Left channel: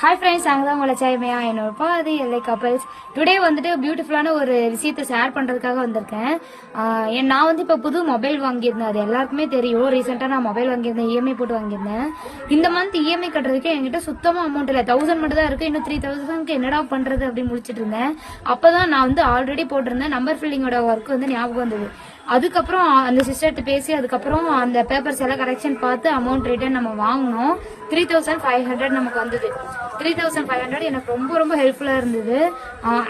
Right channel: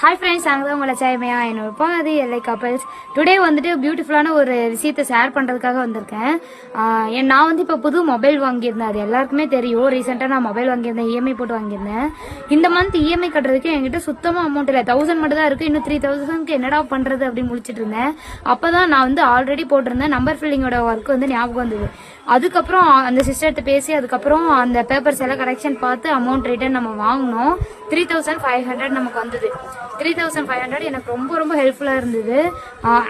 Hi friends, நாங்கள் தான் உங்களை சேமையா என்னப்போ அது எல்லை கப்பல்ஸ். டுடே வந்துட்டு பியூட்டிஃபுல்லான ஒரு விஷயத்தை ஷேர் பண்ணுறதுக்காக வந்திருக்கேன். நான் வந்து இப்போ புது மொபைல் வாங்கியிருந்தேன். அது எல்லாருக்குமே தெரியும். ரீசெண்டாக நான் மொபைல் வாங்கியிருந்தேன், இஎம்ஐ போட்டு வாங்கியிருந்தேன். இந்த மந்த் இஎம்ஐ கட்டுறதுக்கு என்கிட்ட சுத்தமாக அமௌண்ட் இல்லை. 1000 மட்டும் தான் இருக்குது. இன்னும் 3000க்கு என்னடா பண்ணுறது அப்படின்னு முடிச்சிட்டு இருந்தேன். அப்போ தான் நான் வந்து ஆல்ரெடி போட்டிருந்தேன் நம்பர் ஃபில்லிங்கோட ஒர்க் வந்து ஞாபகம் வந்தது. அதுக்கப்புறம் அந்த சிஸ்டர்கிட்ட பேசி அதுக்கப்புறம் அந்த பேப்பர்ஸ் எல்லாம் கரெக்ஷன் பார்த்து அமௌண்ட் ரிட்டர்ன் நம்ம வாங்கினோம். 3500 நமக்கு வந்தது. 3500 எனக்கு ரொம்ப ரொம்ப ஹெல்ப்ஃபுல்லாக இருந்தது.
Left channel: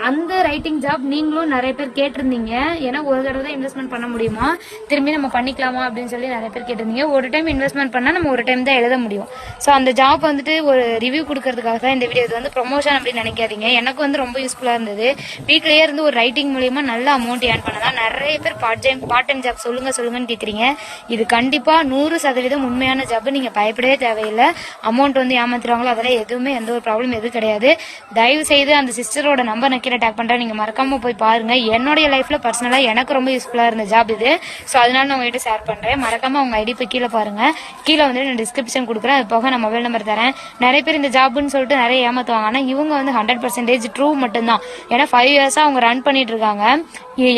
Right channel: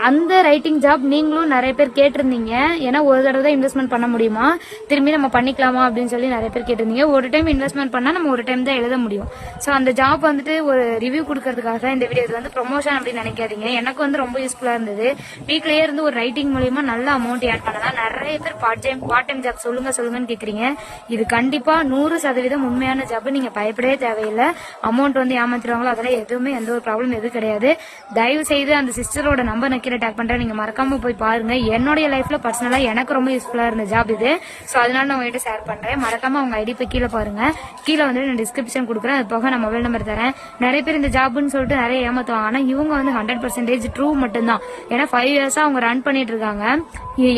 அந்த ரைட்டிங் ஜாப் நீங்களும் நிறைய பேர் கேட்டிருந்தீங்க. ஏன்னா ஒரு தடவை தான் இன்வெஸ்ட்மெண்ட் பண்ண முடியுமா, திரும்பி நம்ம பண்ணிக்கலாமா அப்படின்னு சொல்லி நிறைய பேர் கேட்டிருந்தீங்க. ஒரு டைம் இன்வெஸ்ட்மெண்ட் பண்ணால் நம்ம ஒரு டைம் தான் எழுத முடியும். ஸோ அந்த ஜாப் வந்துட்டு ஒரு ரிவ்யூ கொடுக்கறதுக்காக தான் இந்த வீடியோ. இது வந்து ப்ரொமோஷன் அப்படின்னு நினைக்காதீங்க. எனக்கு வந்து ரொம்ப யூஸ்ஃபுல்லாக இருந்தது. வீட்டிலேயே இருந்து ஒரு ரைட்டிங் மூலியமா நல்ல அமௌண்ட் ஏர்ன் பண்ணலாம். நிறைய பேர் பார்ட் டைம் ஜாப் சொல்லுங்கன்னு கேட்குறீங்க. இது கண்டிப்பா 100% உண்மையான ஜாப். நீங்க பயப்படவே தேவையில்லை. அமௌண்ட் வந்து ஏமாத்துறாங்களோ அதெல்லாம் எதுவுமே எந்த ஒரு ப்ராப்ளம் எதுவும் கிடையாது. தயவு செய்து அந்த சிஸ்டரோட நம்பர் நான் கீழே டேக் பண்றேன், நீங்க மறக்காம போய் பாருங்க. என்னுடைய லைஃப்ல பர்சனலா எனக்கு ரொம்ப யூஸ்ஃபுல்லா இருந்த ஜாப் இது. ஸோ அதனால நான் உங்ககிட்ட ஷேர் பண்றேன். மறக்காம அவங்க ஐடி போய் கீழே பாருங்க. கீழே வந்து நான் டிஸ்கிரிப்ஷன் கொடுக்குறேன். அது போக நான் மொபைல் நம்பர் தரேன். நிறைய பேர் இந்த ஜாப்னு சொல்லிட்டு நிறைய ஏமாத்துவாங்க. ஆனா இவங்க வந்து 100% ட்ரூ மட்டும்தான். ஏன்னா 5 இயர்ஸா அவங்க ரன் பண்ணிட்டு இருக்காங்க.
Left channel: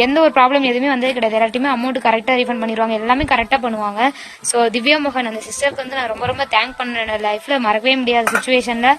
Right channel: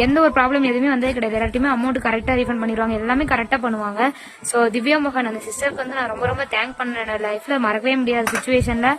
எந்த ஒரு ப்ராப்ளம் எதுவுமே வந்தே கிடையாது. எல்லாத்தையுமே அமௌண்ட் கரெக்டாக ரீஃபண்ட் பண்ணிடுவாங்க. எல்லாமே கரெக்டாக பண்ணுவாங்க. ஸோ திவ்யா மோகன் அந்த சிஸ்டருக்கு வந்து நான் ரொம்ப ரொம்ப தேங்க் பண்ணுறேன். லைஃப்ல மறக்கவே முடியாத சுச்சுவேஷன்ல